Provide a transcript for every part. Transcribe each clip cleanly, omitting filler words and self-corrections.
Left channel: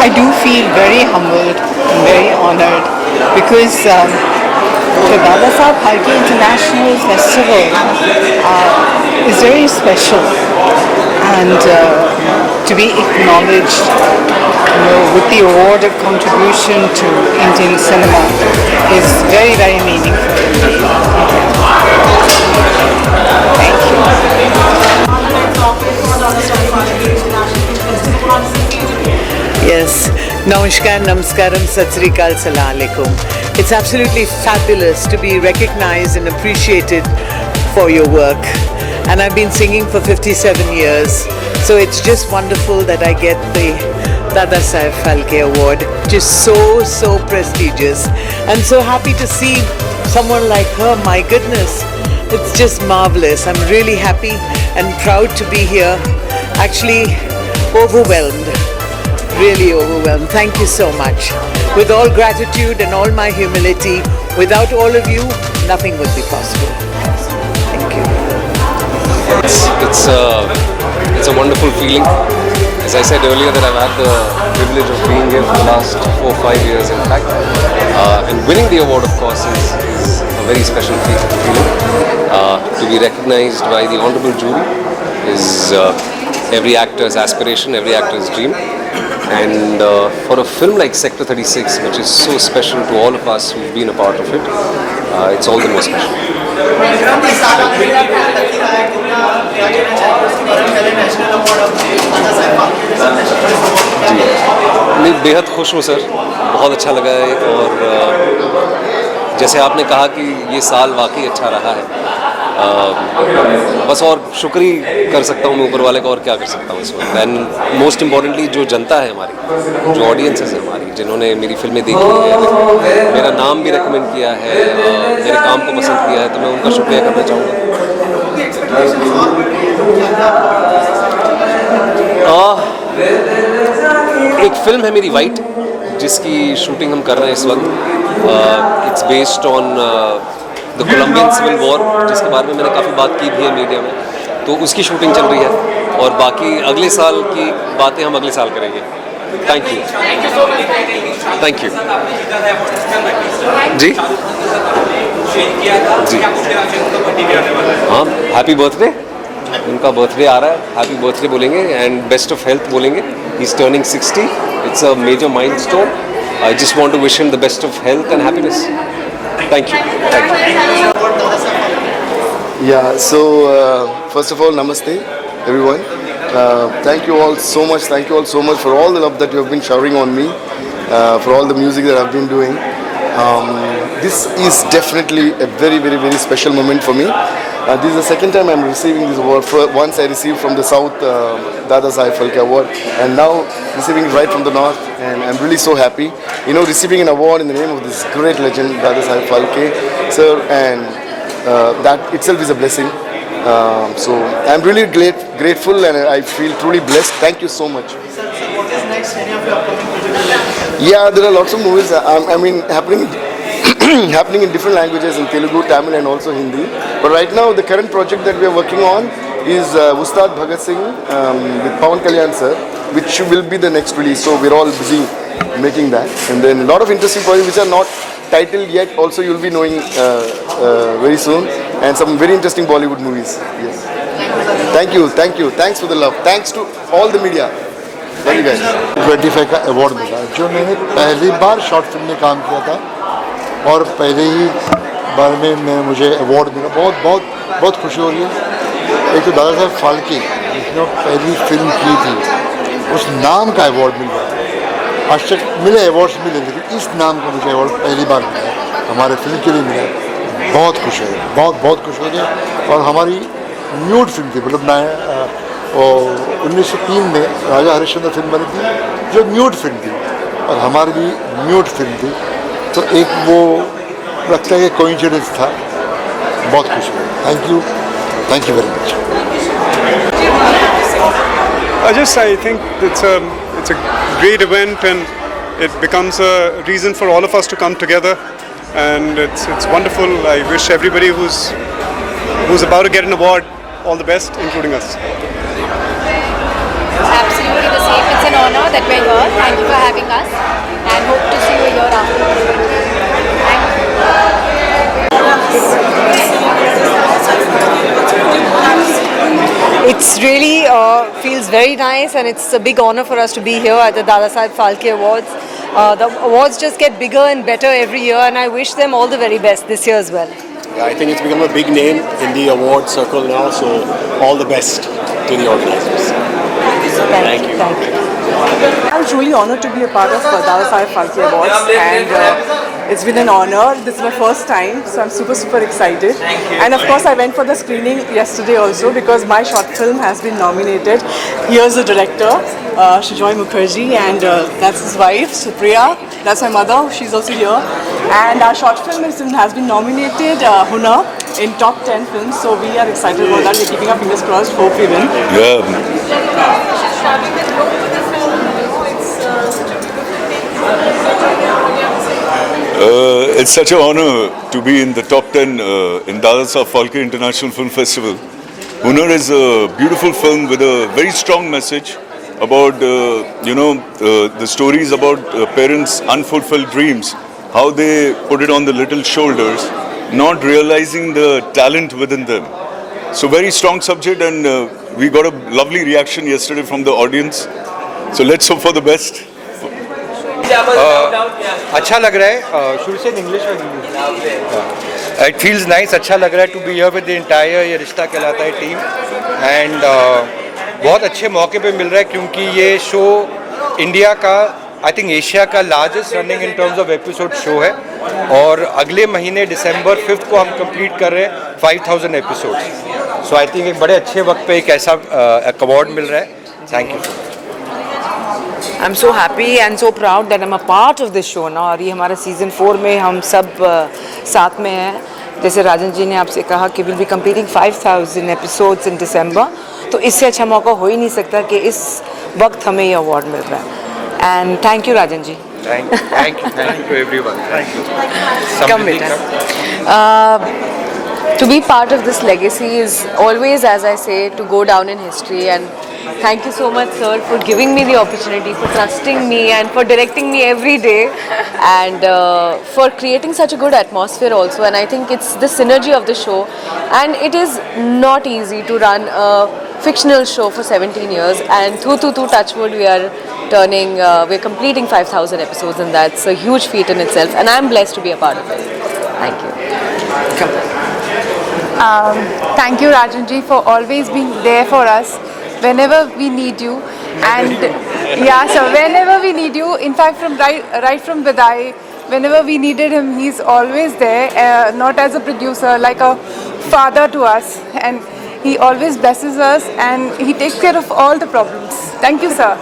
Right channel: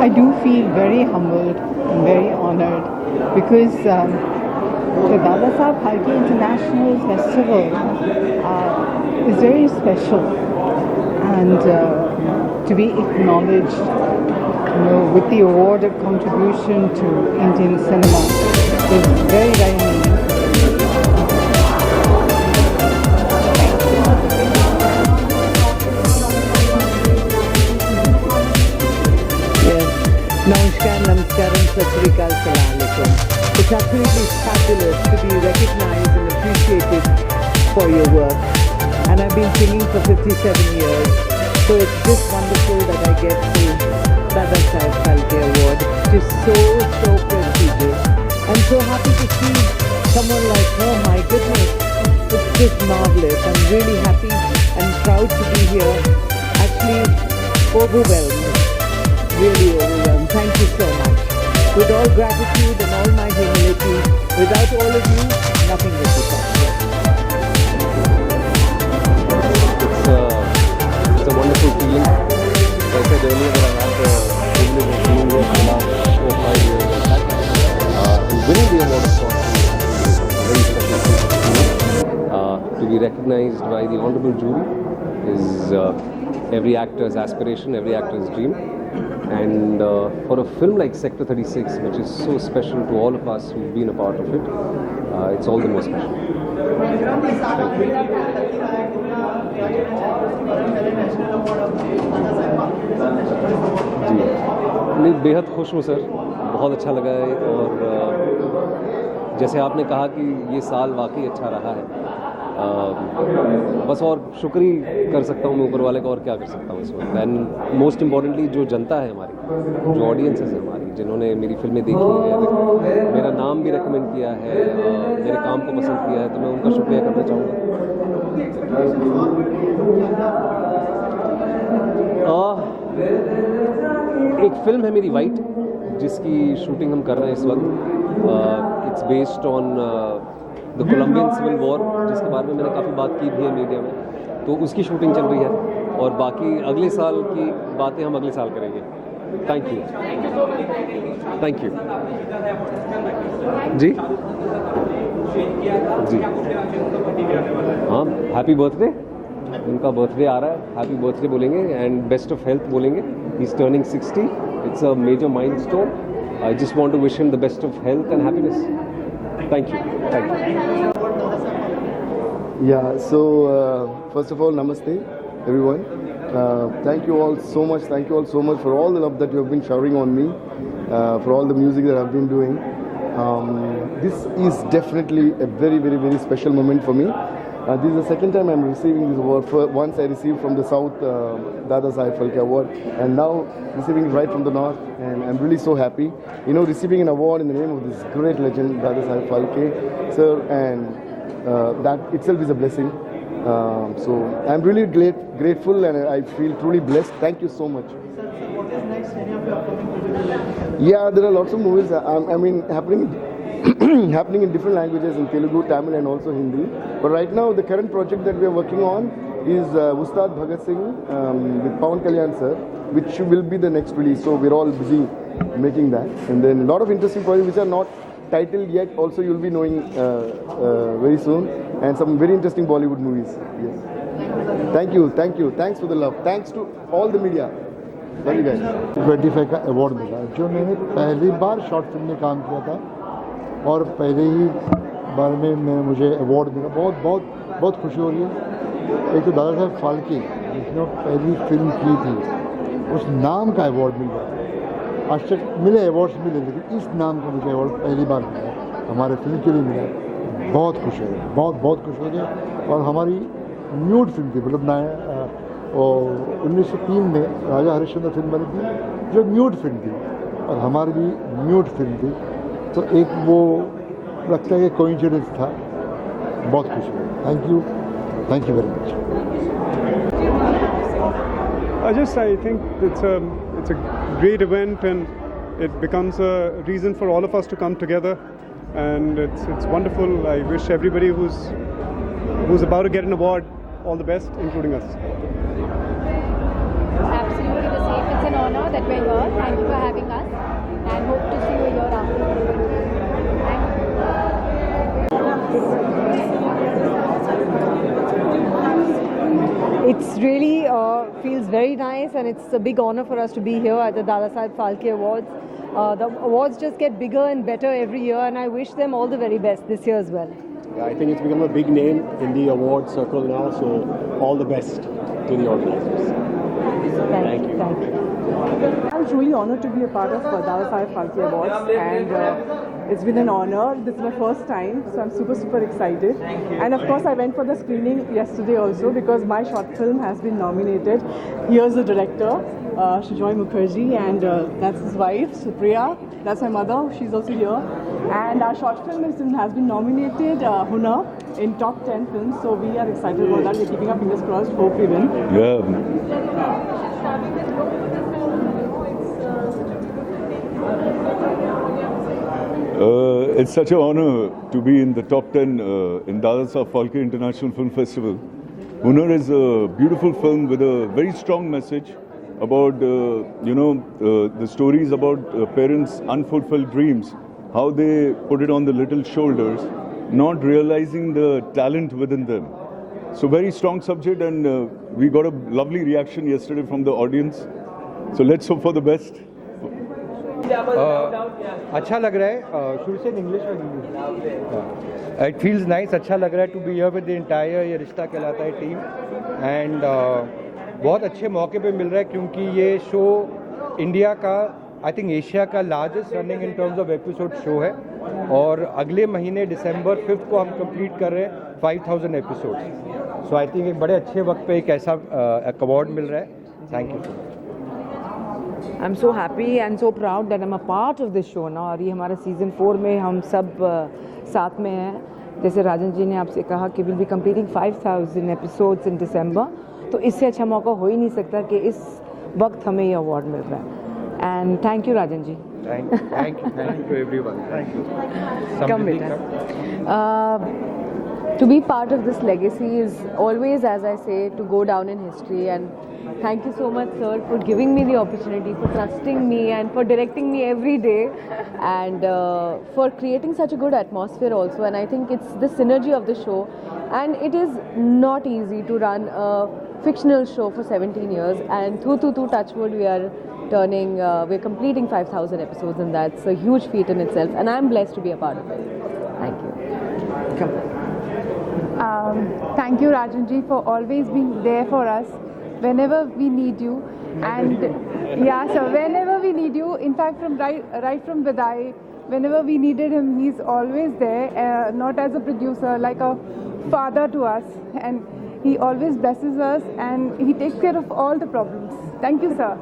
I do feel very humbled and very honored because the Dada Saheb Phalke International Festival is very special, and to be acknowledged, with the award of contribution to Indian cinema is very, very meaningful. Thank you. Yes, Namaskar, Namaskaram, Sat Sri Akal, Salam Alaikum. It's absolutely fabulous to be recognized and appreciated for your work. And I've been singing for 57 years, so it's just wonderful that I get the Dada Saheb Phalke Award. Just so prestigious. And so happy to see someone like her, my goodness. It's just marvelous. I'm really happy and proud to be here. Actually, overwhelmed. Really overwhelmed. Thank you so much. With all gratitude and all my humility, without all of you, nothing would be possible. Thank you. It's a wonderful feeling. As I said earlier, that I've had the privilege of being here for the last 4 or 5 years, in fact. And winning the award, of course, is a very special feeling. To be recognized by the honorable jury is every actor's aspiration, every actor's dream. And for a film like Sector 36, which is so special to all of us who've been a part of it, it's all the more special. जी मैं बेहद खुश हूँ sir, बहुत अच्छा लगा है। और जैसे आपने कहा कि ये साल वाकई अच्छा रहा है, बस और शुक्रिया कर सकता हूँ मैं ऊपर वाले का, और क्या कर सकता हूँ इस वक्त। एंड मोस्ट इम्पॉर्टेंटली जो जनता है हमारी, जो ऑडियंसेस है हमारी, जिन्होंने मेरी फिल्में देखी है, मेरा नाम भी रेकमेंड किया है, मेरे काम को पसंद किया है, तो मैं उनका शुक्रिया करना चाहूँगा। एक फिल्म है मेरी वाइट, जिसकी शूटिंग हम कर रहे हैं इस वक्त। It's based on the Colombian civil war, जिसके बारे में मैंने काफ़ी बात की भी है मीडिया में, तो उसकी शूटिंग चल रही है। और बाकी अगले साल की बातें हम अगले साल करेंगे। थैंक यू, थैंक यू जी जी। हाँ, हैप्पी बर्थडे, उनका बर्थडे आ रहा है, हैप्पी बर्थडे बोलेंगे एंड बेस्ट ऑफ हेल्थ बोलेंगे। He is turning 60, it's a major milestone. I just want to wish him the best of health and happiness. Thank you. Thank you. Yeah, so first of all, namaste, everyone. Thank you all so much. Thank you all so much for all the love that you have been showering on me, for all the music that I've been doing. This is definitely a very, very, very special moment for me. This is the second time I'm receiving this award. Once I received from the South Dada Saheb Phalke Award, and now receiving it right from the North, and I'm really so happy. You know, receiving an award in the name of this great legend, Dada Saheb Phalke, sir, and that itself is a blessing. So I'm really grateful, and I feel truly blessed. Thank you so much. What is next? Any of your upcoming projects? Yeah, there are lots of movies. I mean, happening in different languages, in Telugu, Tamil, and also Hindi. But right now, the current project that we are working on is Ustad Bhagat Singh with Pawan Kalyan sir, which will be the next release. So we're all busy making that. And then a lot of interesting projects which are not titled yet. Also, you'll be knowing very soon. And some very interesting Bollywood movies. Yes. Thank you. Thanks for the love. Thanks to all the media. Love you guys. 25 का award मिला, जो मैंने पहली बार short film में काम किया था और पहले ही बार में मुझे अवार्ड मिला। बहुत खुशी हो रही है। एक तो दादा साहब फाल्के, जिसने पहली फिल्म की थी, उस नाम का अवार्ड मिल गया। आज तक मिले अवार्ड्स मिले, लेकिन इस नाम का मुझे अवार्ड पहली बार मिला, हमारे फिल्म के लिए मिला। बहुत खुश है, बहुत खुश हो गए। और हमारी न्यूड फिल्म थी, मतलब 1903 में राजा हरिश्चंद्र फिल्म बनी थी, जो न्यूड फिल्म थी, और हमारी भी न्यूड फिल्म थी। तो एक वो लगता है कि कोइंसिडेंस था। बहुत खुश हुआ। Thank you very much. I think it's a great event, and it becomes a reason for all of us to come together, and it's wonderful. I wish everybody who's about to get an award all the best, including us. Absolutely the same. It's an honor that we're here. Thank you for having having us, and hope to see you a year after. Thank you. It's really feels very nice, and it's a big honor for us to be here at the Dadasaheb Phalke Awards. The awards just get bigger and better every year, and I wish them all the very best this year as well. Yeah, I think it's become a big name in the award circle now, so all the best to the organizers. Thank you. Thank you. I'm truly honored to be a part of Dadasaheb Phalke Awards, and it's been an honor. This is my first time, so I'm super excited. And of course, I went for the screening yesterday also because my short film has been nominated. Here's the director, Sujoy Mukherjee, and that's his wife, Supriya. That's my mother. She's also here. And our short film has been nominated, Hunar, in top 10 films. So we are excited about that. We're keeping our fingers crossed. Hope we win. Yeah. It's such an honor to be in the top 10 in Dadasaheb Phalke International Film Festival. Hunar is a beautiful film with a very strong message about, the stories about parents' unfulfilled dreams, how they put it on the little shoulders, not realizing the talent within them. So very strong subject, and we got a lovely reaction yesterday from the audience. So let's hope for the best. अच्छा लग रहा है शुरू से English में it feels nice अच्छा लग रहा है to be here with the entire ये रिश्ता कहलाता है टीम एंड बहुत अच्छे मौके पे मिल रहा है क्योंकि ये शो इंडिया का आई थिंक एशिया का largest running in terms of episode show है और अगले महीने दिसंबर 5 को हम कंप्लीट कर रहे हैं 5000 एपिसोड्स सो आई थिंक एक बड़े अच्छे वक्त पे एक ऐसा अवार्ड मिल रहा है thank you I'm so happy and so proud that I'm a part of this show now. और ये हमारा सीजन 4 में हम सब साथ में हैं. जैसे राजन जी ने आपसे कहा कि we'll be completing 5000 episodes in December. तो इससे अच्छा मौका हो ही नहीं सकता कि इस वक्त हमें ये अवार्ड मिल रहा है. And thank you Rajan ji. Thank you everyone. Thank you. Come with us. To be part of this legacy is always, as I say, to go down in history, and thank you so much, sir, for giving me the opportunity, for trusting me and for directing me every day, and for creating such a good atmosphere also. And I think it's the synergy of the show, and it is not easy to run a fictional show for 17 years, and through touchwood we are we're completing 5000 episodes, and that's a huge feat in itself, and I'm blessed to be a part of it. Thank you. Thank you, Rajan ji, for always being there for us whenever we need you. And yeah, so whenever we need you, in fact, from right from Vidai, whenever we needed him, he's always there, not as a producer, like a father to us. And he always blesses us, and he takes care of all the problems. Thank you, sir.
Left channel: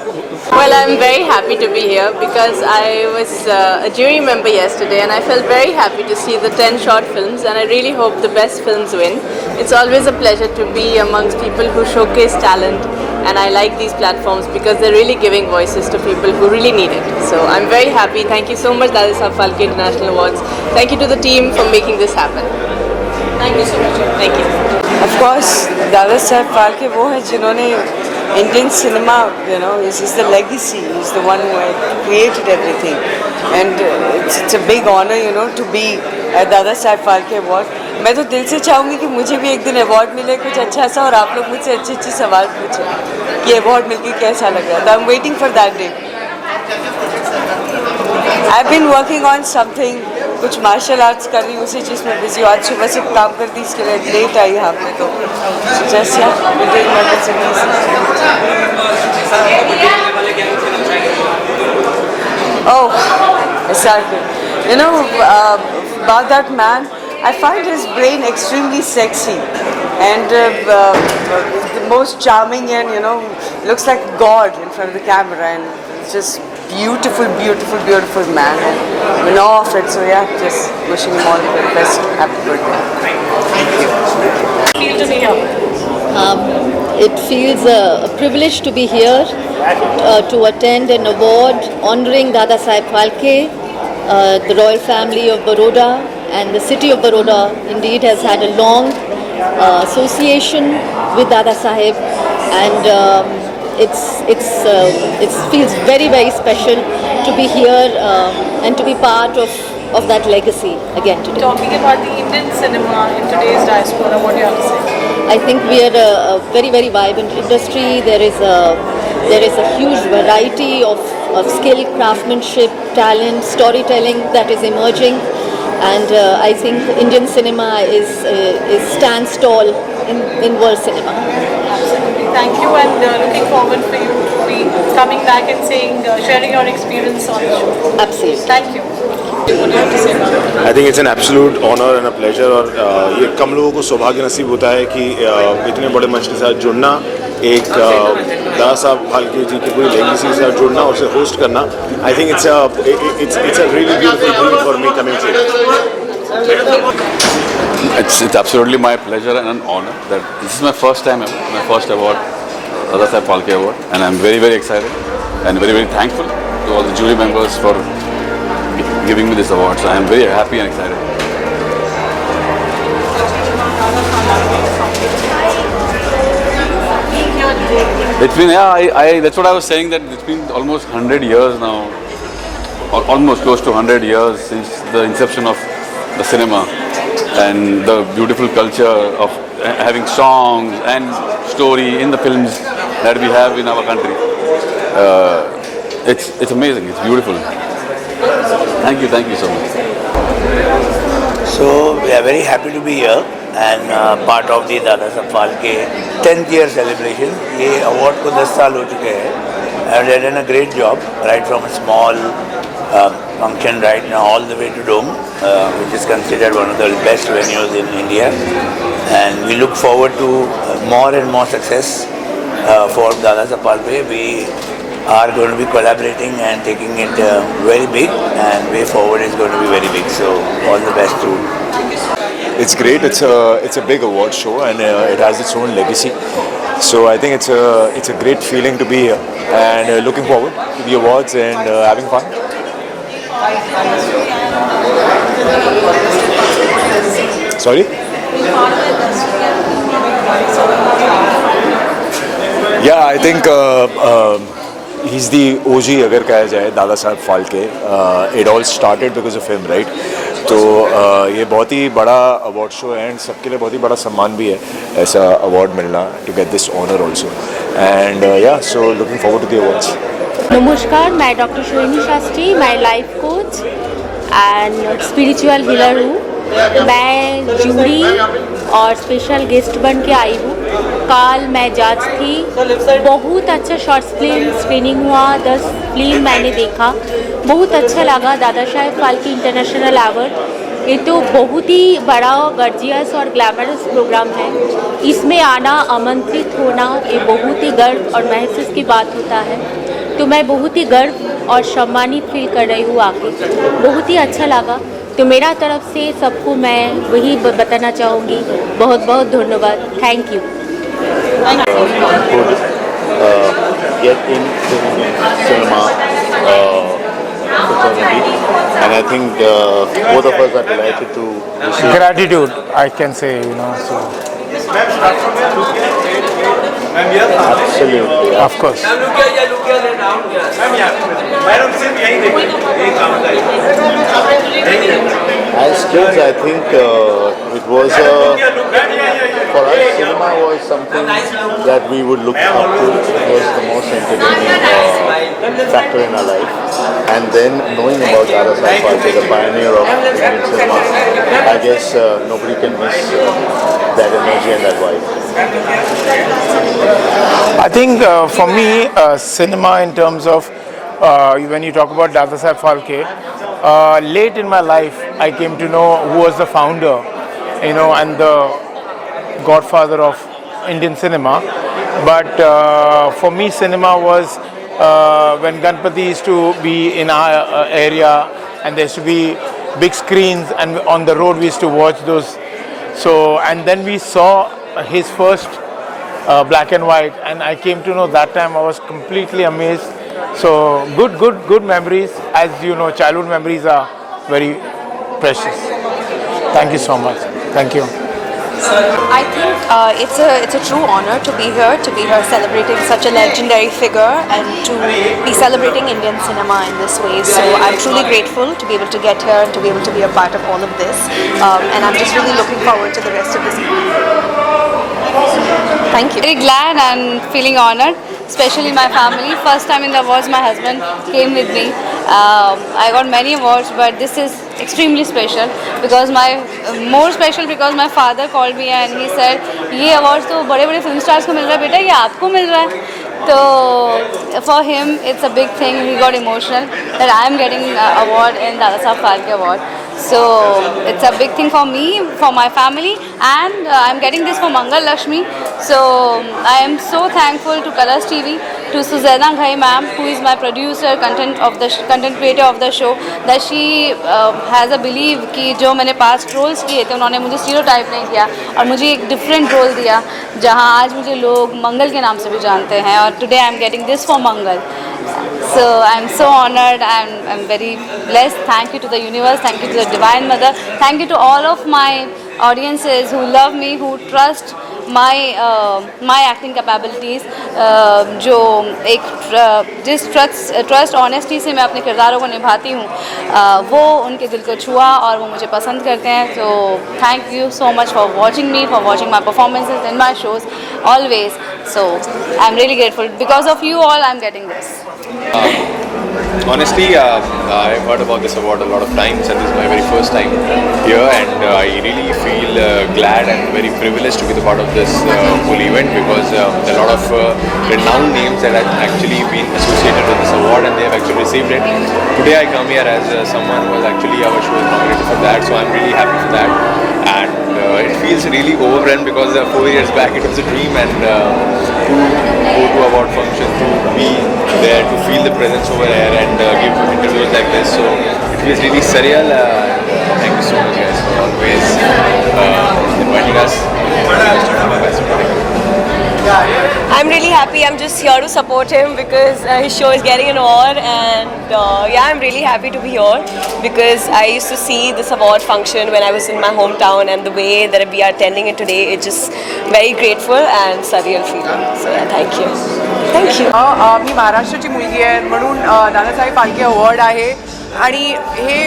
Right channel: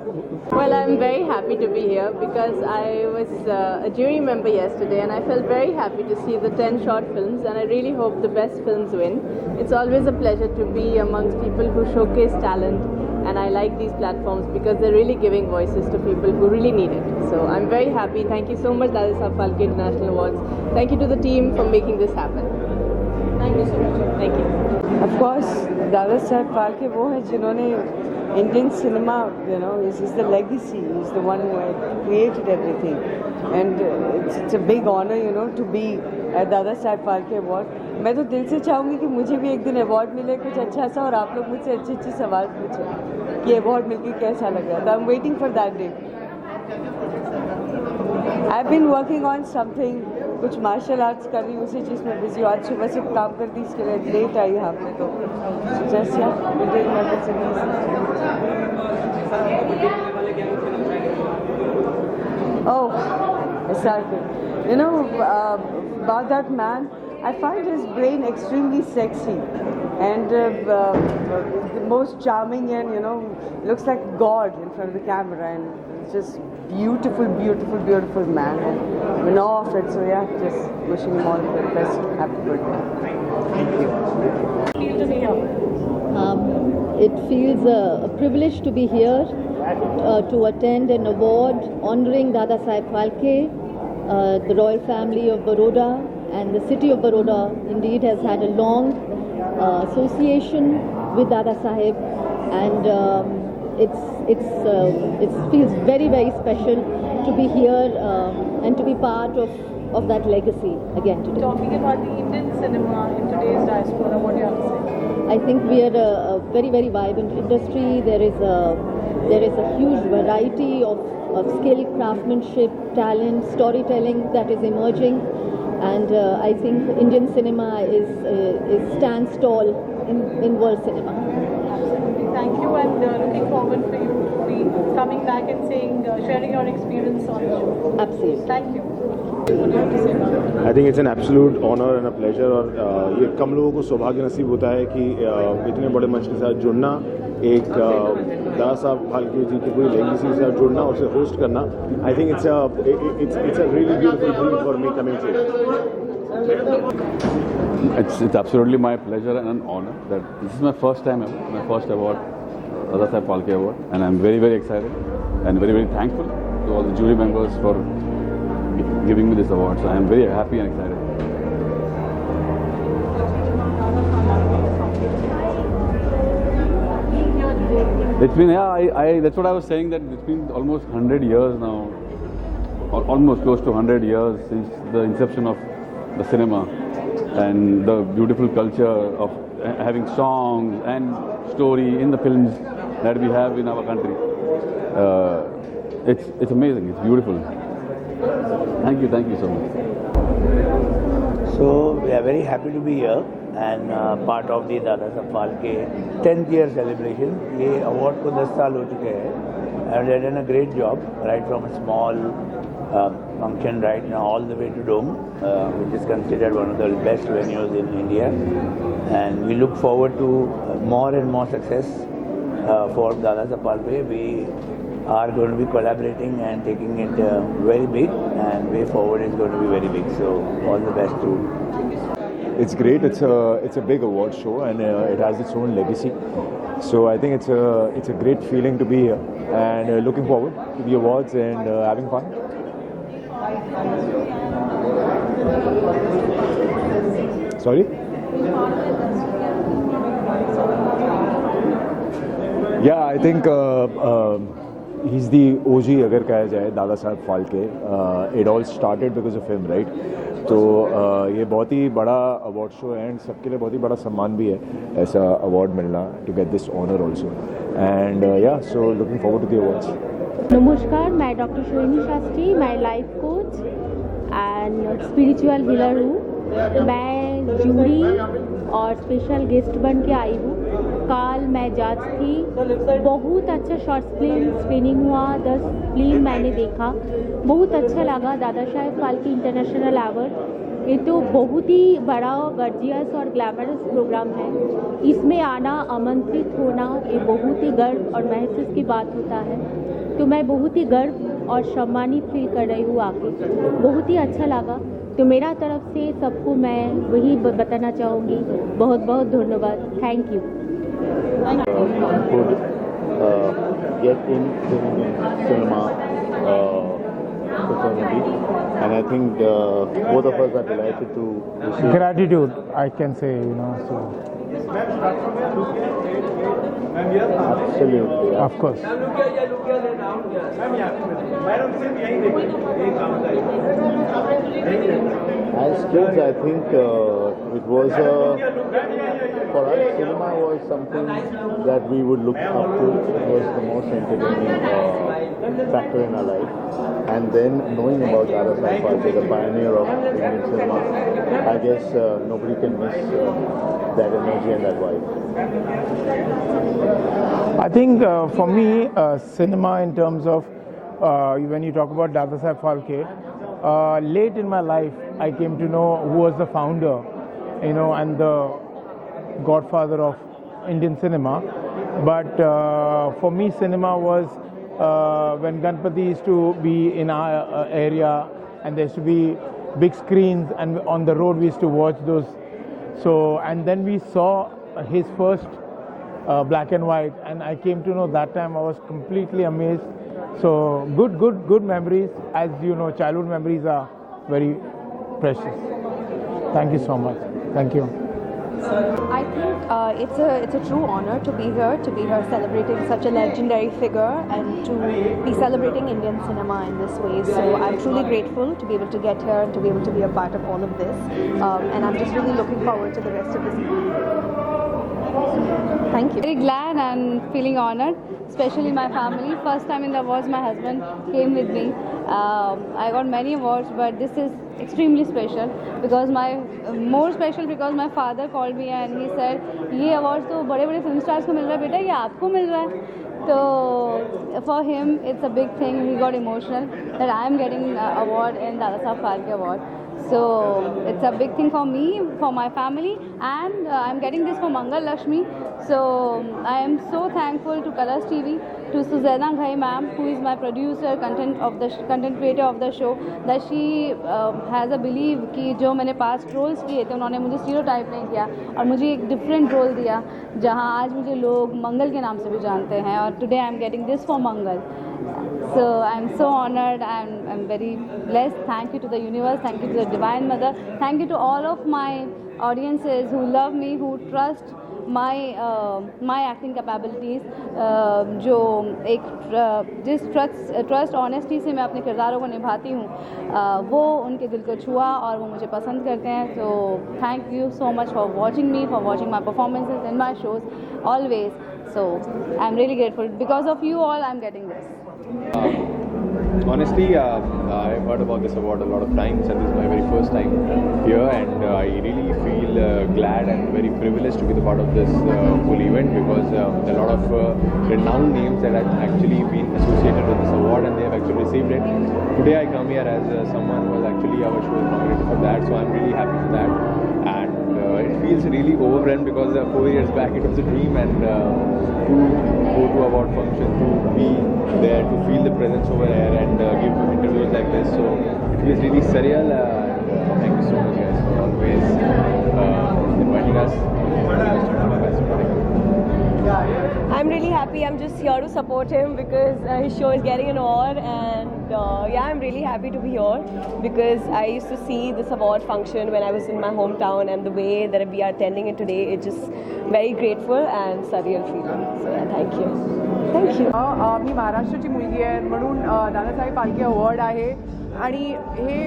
Well, I'm very happy to be here because I was a jury member yesterday, and I felt very happy to see the 10 short films, and I really hope the best films win. It's always a pleasure to be amongst people who showcase talent, and I like these platforms because they're really giving voices to people who really need it. So I'm very happy. Thank you so much, Dadasaheb Phalke International Awards. Thank you to the team for making this happen. Thank you so much. Thank you. Of course, Dadasaheb Phalke वो है जिन्होंने Indian cinema, this is the legacy. He's the one who created everything, and it's a big honor, to be at Dadasaheb Phalke Award. मैं तो दिल से चाहूँगी कि मुझे भी एक दिन अवार्ड मिले कुछ अच्छा सा और आप लोग मुझसे अच्छे सवाल पूछें कि अवार्ड मिलके कैसा लग रहा है. I'm waiting for that day. I've been working on something. कुछ मार्शल आर्ट्स कर रही हूँ उसी चीज़ में बिजी हूँ. आज सुबह से काम कर दी इसके लिए लेट आई यहाँ पे तो जैसे about that man, I find his brain extremely sexy and the most charming, and looks like God in front of the camera, and it's just beautiful man, and I'm in awe of it. So yeah, just wishing him all the very best. Happy birthday. Thank you. It feels a privilege to be here to attend an award honoring Dadasaheb Phalke. The royal family of Baroda and the city of Baroda indeed has had a long association with Dadasaheb, and it feels very, very special to be here and to be part of that legacy again today. Talking about the Indian cinema in today's diaspora, what do you have to say? I think we are a very, very vibrant industry. There is a huge variety of skill, craftsmanship, talent, storytelling that is emerging, and I think Indian cinema stands tall in world cinema. Absolutely. Thank you, and looking forward for you to be coming back and sharing your experience on the show. Absolutely. Thank you. What do you have to say about it? I think it's an absolute honour and a pleasure और ये कम लोगों को सौभाग्य नसीब होता है कि इतने बड़े मंच के साथ जुड़ना, एक दादा साहब फाल्के जी की पूरी लेगेसी के साथ जुड़ना और उसे होस्ट करना. I think it's a really beautiful dream for me coming to. It's absolutely my pleasure and an honor that this is my first time ever, my first award, Dada Saheb Phalke Award, and I'm very, very excited and very, very thankful to all the jury members for giving me this award. So I'm very happy and excited. It's been, that's what I was saying, that it's been almost 100 years now, or almost close to 100 years since the inception of the cinema and the beautiful culture of having songs and story in the films that we have in our country. It's amazing, it's beautiful. Thank you so much. So we are very happy to be here and part of the Dada Saheb Phalke 10th year celebration. ये award को 10 साल हो चुके हैं and they have done a great job right from a small function right now all the way to Dome, which is considered one of the best venues in India, and we look forward to more and more success for Dada Saheb Phalke. We are going to be collaborating and taking it very big, and way forward is going to be very big. So all the best to. It's great. It's a big award show and it has its own legacy. So I think it's a great feeling to be here and looking forward to the awards and having fun. Sorry? Yeah, I think he's the OG अगर कहा जाए Dada Saheb Phalke. It all started because of him, right? तो ये बहुत ही बड़ा award show है and सबके लिए बहुत ही बड़ा सम्मान भी है ऐसा अवार्ड मिलना, to get this honour also, and yeah so looking forward to the awards. नमस्कार, मैं डॉक्टर सोहिनी शास्त्री, मैं life coach and spiritual healer हूँ. मैं जूरी और स्पेशल गेस्ट बन के आई हूँ. कल मैं जज थी. बहुत अच्छा शॉर्ट्स फिल्म स्क्रीनिंग हुआ, 10 फिल्म मैंने देखा, बहुत अच्छा लगा. दादा साहेब फाल्के इंटरनेशनल अवार्ड ये तो बहुत ही बड़ा गर्जियस और ग्लैमरस प्रोग्राम है. इसमें आना, आमंत्रित होना, ये बहुत ही गर्व और महसूस की बात होता है. तो मैं बहुत ही गर्व और सम्मानित फील कर रही हूँ आके. बहुत ही अच्छा लगा. तो मेरा तरफ से सबको मैं वही बताना चाहूँगी, बहुत बहुत धन्यवाद. Thank you. Get into cinema fraternity, and I think both of us are delighted to receive. Gratitude, I can say, so. Absolutely. Of course. As kids, I think it was for us, cinema was something that we would look up to. It was the most entertaining factor in our life. And then knowing about Dada Saheb Phalke, the pioneer of Indian cinema, I guess nobody can miss that energy and that vibe. I think for me, cinema in terms of when you talk about Dada Saheb Phalke, late in my life, I came to know who was the founder, and the godfather of Indian cinema. But for me, cinema was when Ganpati used to be in our area, and there used to be big screens, and on the road we used to watch those. So, and then we saw his first black and white, and I came to know that time. I was completely amazed. So good memories. As you know, childhood memories are very precious. Thank you so much. Thank you. I think it's a true honor to be here celebrating such a legendary figure and to be celebrating Indian cinema in this way. So I'm truly grateful to be able to get here and to be able to be a part of all of this. And I'm just really looking forward to the rest of this evening. Thank you. Very glad and feeling honored, especially my family. First time in the awards, my husband came with me. I got many awards, but this is extremely special because more special because my father called me and he said, "ये awards तो बड़े-बड़े film stars को मिल रहा है बेटा, ये आपको मिल रहा है." So for him, it's a big thing. He got emotional that I am getting an award in Dada Saheb Phalke Award. So it's a big thing for me, for my family, and I'm getting this for Mangal Lakshmi. So I am so thankful to Colors TV, to Suzaina Ghai ma'am, who is my producer, content creator of the show, that she has a belief कि जो मैंने past roles किए थे उन्होंने मुझे stereotype नहीं किया और मुझे एक different role दिया जहाँ आज मुझे लोग मंगल के नाम से भी जानते हैं और today I'm getting this for Mangal. So I'm so honored and I'm very blessed. Thank you to the universe, thank you to the Divine Mother, thank you to all of my audiences who love me, who trust my acting capabilities. जो एक जिस trust honesty से मैं अपने किरदारों को निभाती हूँ वो उनके दिल को छुआ और वो मुझे पसंद करते हैं. So thank you so much for watching me, for watching my performances in my shows always. So I'm really grateful. Because of you all, I'm getting this. Honestly, I've heard about this award a lot of times and this is my very first time here, and I really feel glad and very privileged to be the part of this whole event because there are a lot of renowned names that have actually been associated with this award and they have actually received it. Today I come here as someone who was actually our show is nominated for that, so I'm really happy for that. And it feels really overwhelmed because 4 years back it was a dream, and to go to award function, to be there, to feel the presence over here and give interviews like this, so it feels really surreal. Thank you so much guys for always inviting us. I'm really happy. I'm just here to support him because his show is getting an award, and yeah, I'm really happy to be here because I used to see this award function when I was in my hometown, and the way that we are attending it today, it's just very grateful and surreal feeling. So yeah, thank you. Thank you. मी महाराष्ट्राची मुलगी आहे म्हणून Dadasaheb Phalke award आहे आणि हे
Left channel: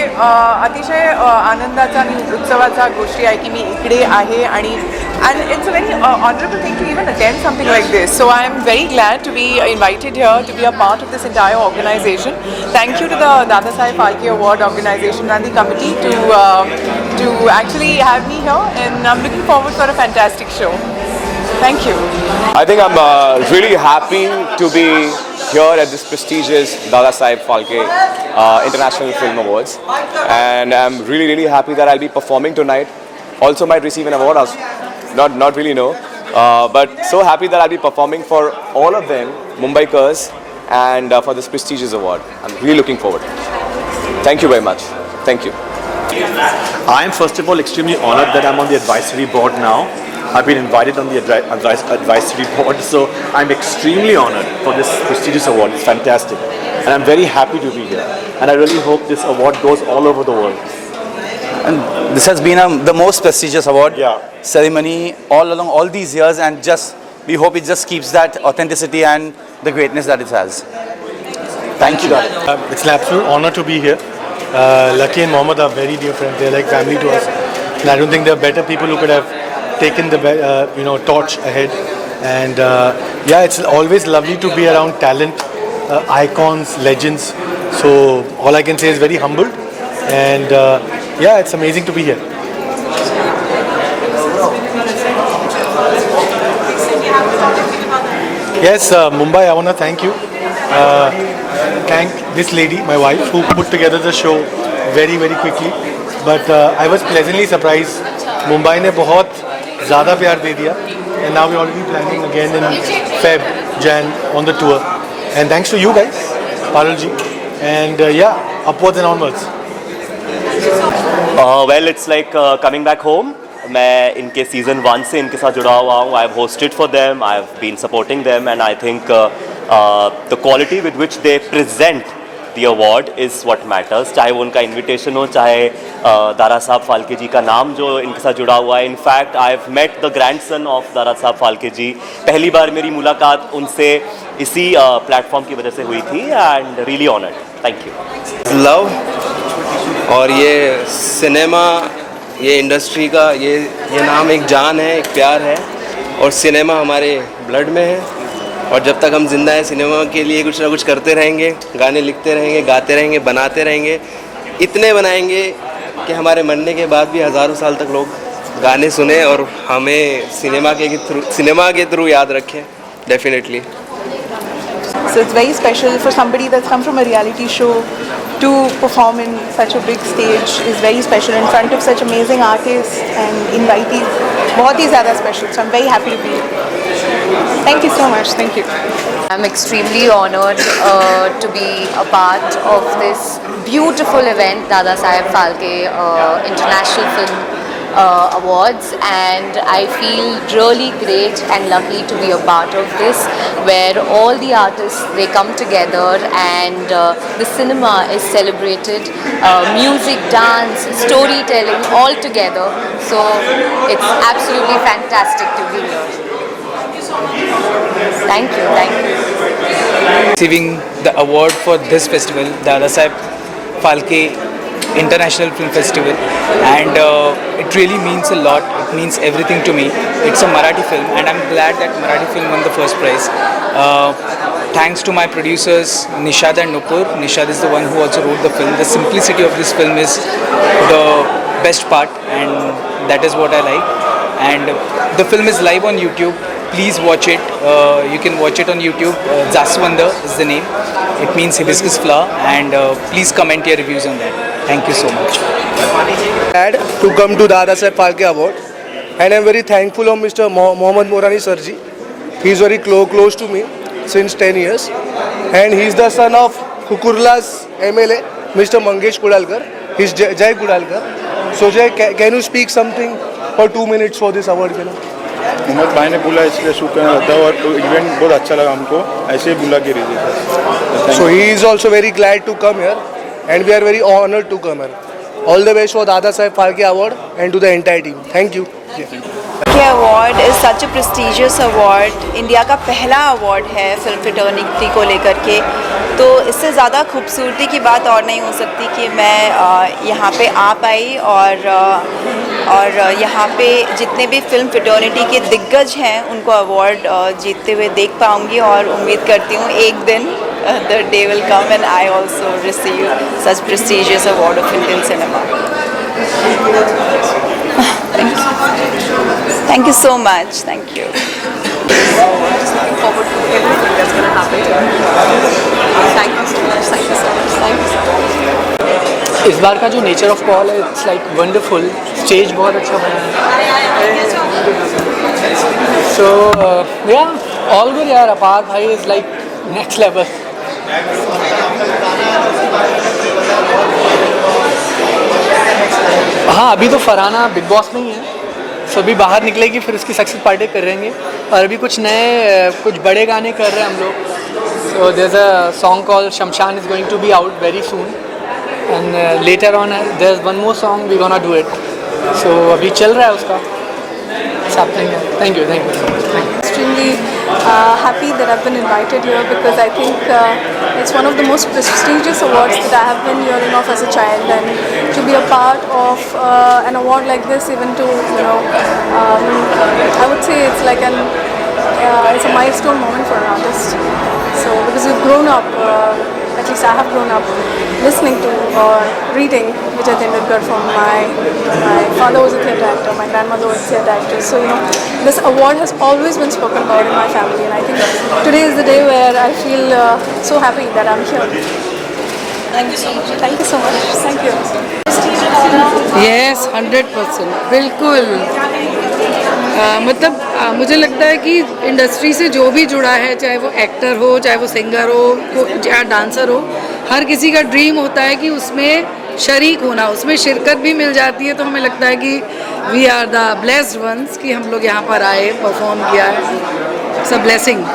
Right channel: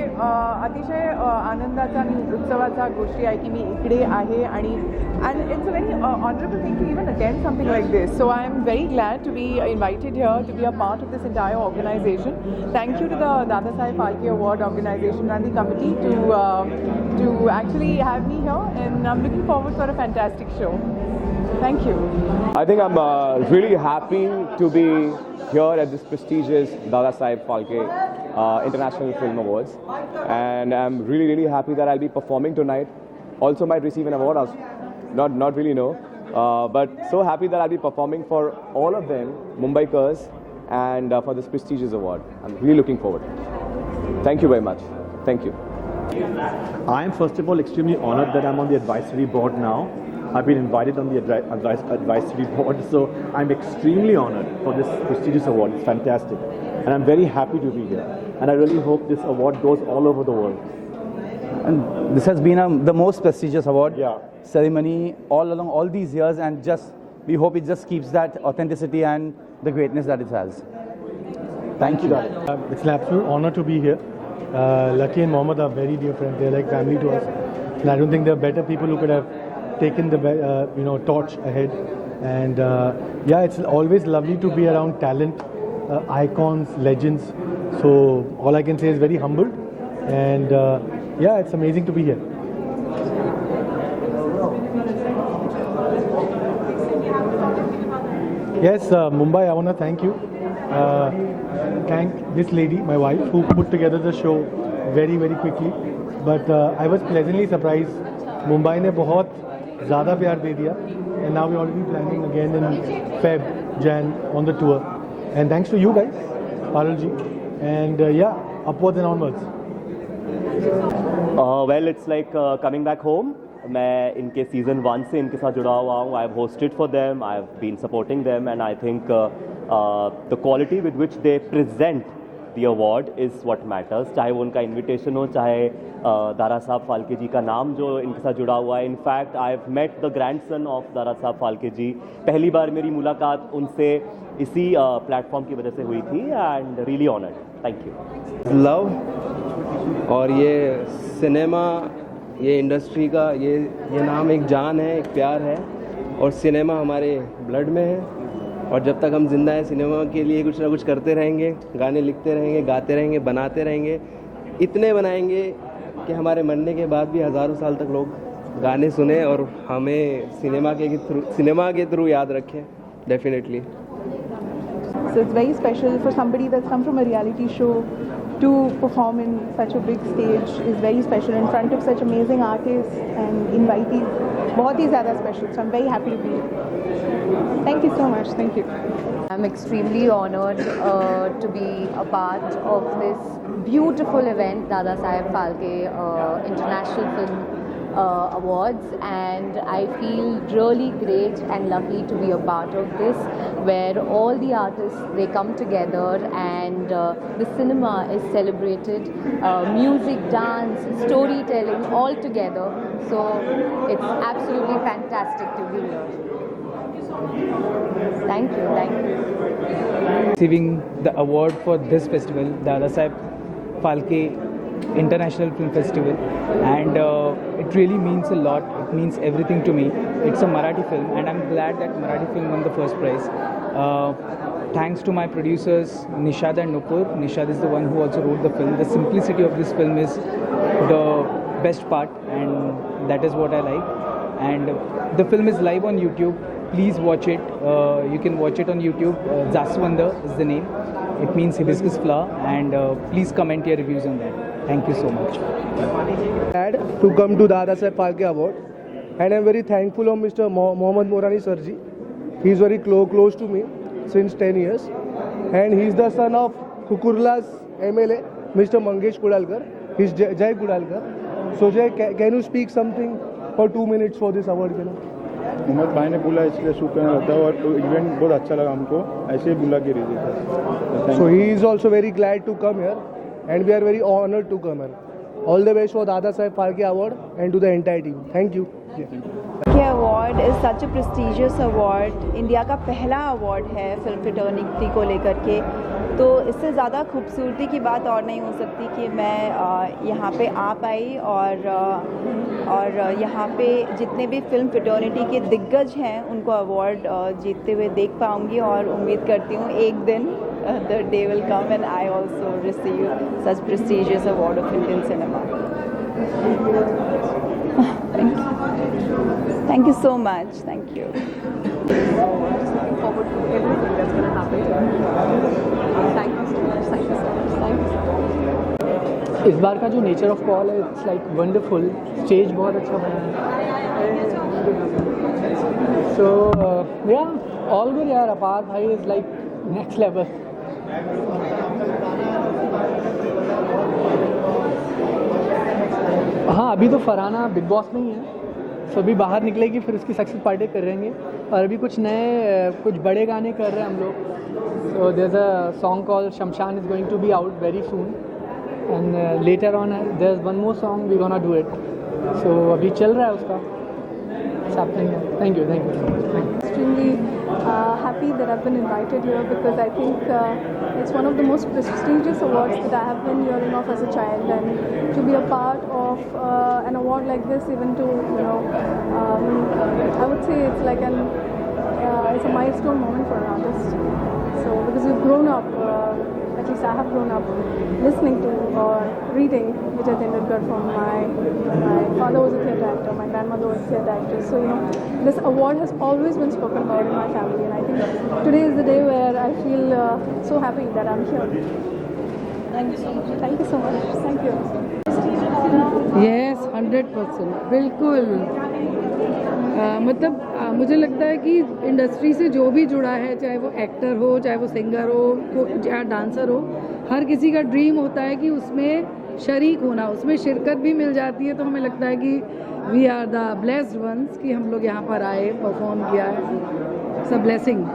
अतिशय आनंदाचा आणि उत्सवाचा गोष्टी आहे की मी इकडे आहे आणि and it's a very honorable thing to even attend something like this. So I am very glad to be invited here to be a part of this entire organization. Thank you to the Dada Saheb Phalke Award organization and the committee to actually have me here, and I'm looking forward for a fantastic show. Thank you. I think I'm really happy to be here at this prestigious Dada Saheb Phalke International Film Awards, and I'm really happy that I'll be performing tonight. Also might receive an award. Not really know, but so happy that I'll be performing for all of them, Mumbaikars, and for this prestigious award. I'm really looking forward. Thank you very much. Thank you. I am first of all extremely honored that I'm on the advisory board now. I've been invited on the advisory board, so I'm extremely honored for this prestigious award. It's fantastic, and I'm very happy to be here. And I really hope this award goes all over the world. And this has been the most prestigious award ceremony all along all these years, and we hope it just keeps that authenticity and the greatness that it has. Thank you. It's an absolute honor to be here. Lucky and Mohammed are very dear friends. They're like family to us, and I don't think there are better people who could have taken the torch ahead. And yeah, it's always lovely to be around talent, icons, legends. So all I can say is very humbled, and yeah, it's amazing to be here. Yes, Mumbai, I want to thank you. Thank this lady, my wife, who put together the show very quickly. But I was pleasantly surprised. Mumbai ने बहुत ज़्यादा प्यार दे दिया. And now we're already planning again in Feb, Jan on the tour. And thanks to you guys, Parul ji. And yeah, upwards and onwards. Well, it's like coming back home. मैं इनके season 1 से इनके साथ जुड़ा हुआ हूँ. I've hosted for them, I've been supporting them, and I think the quality with which they present the award is what matters. चाहे वो उनका invitation हो, चाहे दारा साहब फाल्के जी का नाम जो इनके साथ जुड़ा हुआ है. In fact, I've met the grandson of Dara Saheb Phalke जी. पहली बार मेरी मुलाकात उनसे इसी प्लेटफॉर्म की वजह से हुई थी and really honored. Thank you. Love और ये सिनेमा, ये इंडस्ट्री का ये नाम एक जान है, एक प्यार है और सिनेमा हमारे ब्लड में है. और जब तक हम जिंदा हैं सिनेमा के लिए कुछ ना कुछ करते रहेंगे, गाने लिखते रहेंगे, गाते रहेंगे, बनाते रहेंगे. इतने बनाएंगे कि हमारे मरने के बाद भी हज़ारों साल तक लोग गाने सुने और हमें सिनेमा के थ्रू याद रखें. Definitely. So it's very special for somebody that's come from a reality show to perform in such a big stage is very special in front of such amazing artists and invitees. बहुत ही ज़्यादा special. So I'm very happy to be here. Thank you so much. Thank you. I'm extremely honored to be a part of this beautiful event, Dada Saheb Phalke International Film Awards, and I feel really great and lucky to be a part of this, where all the artists, they come together and the cinema is celebrated, music, dance, storytelling all together. So it's absolutely fantastic to be here. Thank you, thank you. Receiving the award for this festival, Dada Saheb Phalke International Film Festival, and it really means a lot. It means everything to me. It's a Marathi film, and I'm glad that Marathi film won the first prize. Thanks to my producers Nishad and Nupur. Nishad is the one who also wrote the film. The simplicity of this film is the best part, and that is what I like. And the film is live on YouTube. Please watch it. You can watch it on YouTube. Jaswanda is the name. It means hibiscus flower. And please comment your reviews on that. Thank you so much. Glad to come to Dada Saheb Phalke Award, and I'm very thankful of Mr. Mohammad Morani Sarji. He's very close to me since 10 years, and he's the son of Kukurla's MLA, Mr. Mangesh Kudalkar. He's Jai Kudalkar. So Jai, can you speak something for 2 minutes for this award? Mohammad भाई ने बोला इसलिए shoot करना था और event बहुत अच्छा लगा हमको, ऐसे ही बुला के रही. So he is also very glad to come here, and we are very honored to come here. All the best for Dada Saheb Phalke Award and to the entire team. Thank you. Phalke Award is such a prestigious award. India का पहला award है film fraternity को लेकर के, तो इससे ज़्यादा खूबसूरती की बात और नहीं हो सकती कि मैं यहाँ पे आ पाई और यहाँ पे जितने भी फिल्म फ्रेटर्निटी के दिग्गज हैं उनको अवार्ड जीतते हुए देख पाऊँगी, और उम्मीद करती हूँ एक दिन the day will come and I also receive such prestigious award of Indian cinema. Thank you so much. Thank you. Just looking forward to everything that's going to happen here. Thank you so much. Thank you so much. Thank you so much. इस बार का जो nature of call है, it's like wonderful. Stage बहुत अच्छा बना है. सो या all good यार. अपार भाई इज लाइक नेक्स्ट लेवल. हाँ, अभी तो फरहाना बिग बॉस में ही है, सो अभी बाहर निकलेगी, फिर उसकी सक्सेस पार्टी करेंगे. और अभी कुछ बड़े गाने कर रहे हैं हम लोग. So there is a song called Shamshaan is going to be out very soon, and later on there is one more song we gonna do it. So अभी चल रहा है उसका. Thank you. Extremely happy that I've been invited here, because I think it's one of the most prestigious awards that I have been hearing of as a child, and to be a part of an award like this, even to I would say it's like it's a milestone moment for an artist. So because we've grown up, at least I have grown up listening to or reading Vijay Tendulkar from my father was a theatre actor, my grandmother was a theatre actress. So this award has always been spoken about in my family, and I think today is the day where I feel so happy that I'm here. Thank you so much. Thank you so much. Thank you. Yes, 100%. बिल्कुल. मतलब मुझे लगता है कि industry से जो भी जुड़ा है, चाहे वो एक्टर हो, चाहे वो सिंगर हो, चाहे डांसर हो, हर किसी का ड्रीम होता है कि उसमें शरीक होना, उसमें शिरकत भी मिल जाती है. तो हमें लगता है कि we are the blessed ones कि हम लोग यहाँ पर आए, परफॉर्म किया है. It's a blessing.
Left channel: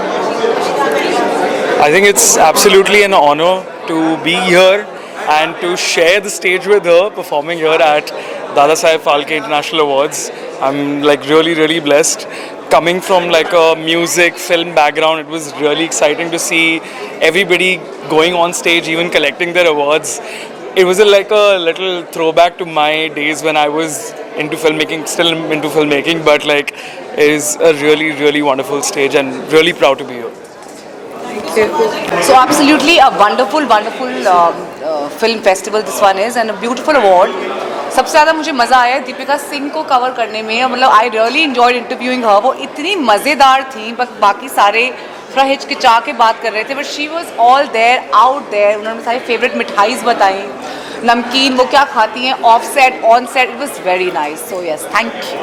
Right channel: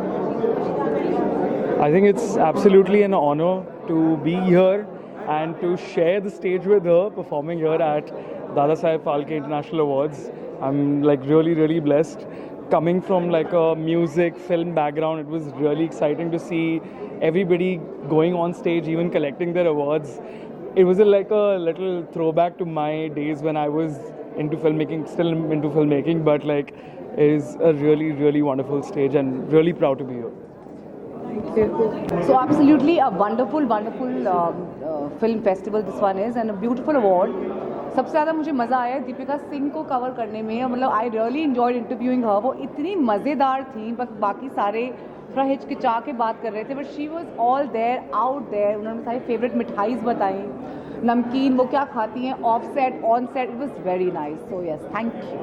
I think it's absolutely an honor to be here and to share the stage with her, performing here at Dadasaheb Phalke International Awards. I'm like really blessed. Coming from like a music film background, it was really exciting to see everybody going on stage, even collecting their awards. It was like a little throwback to my days when I was into filmmaking, still into filmmaking, but like it is a really wonderful stage and really proud to be here. So absolutely a wonderful film festival this one is, and a beautiful award. सबसे ज़्यादा मुझे मज़ा आया दीपिका सिंह को cover करने में, मतलब I really enjoyed interviewing हर. वो इतनी मज़ेदार थी, बस बाकी सारे थोड़ा हिचकिचा के बात कर रहे थे, but she was all there, out there. उन्होंने सारी फेवरेट मिठाईज बताई, नमकीन, वो क्या खाती हैं of set, on set. It was very nice. So yes, thank you.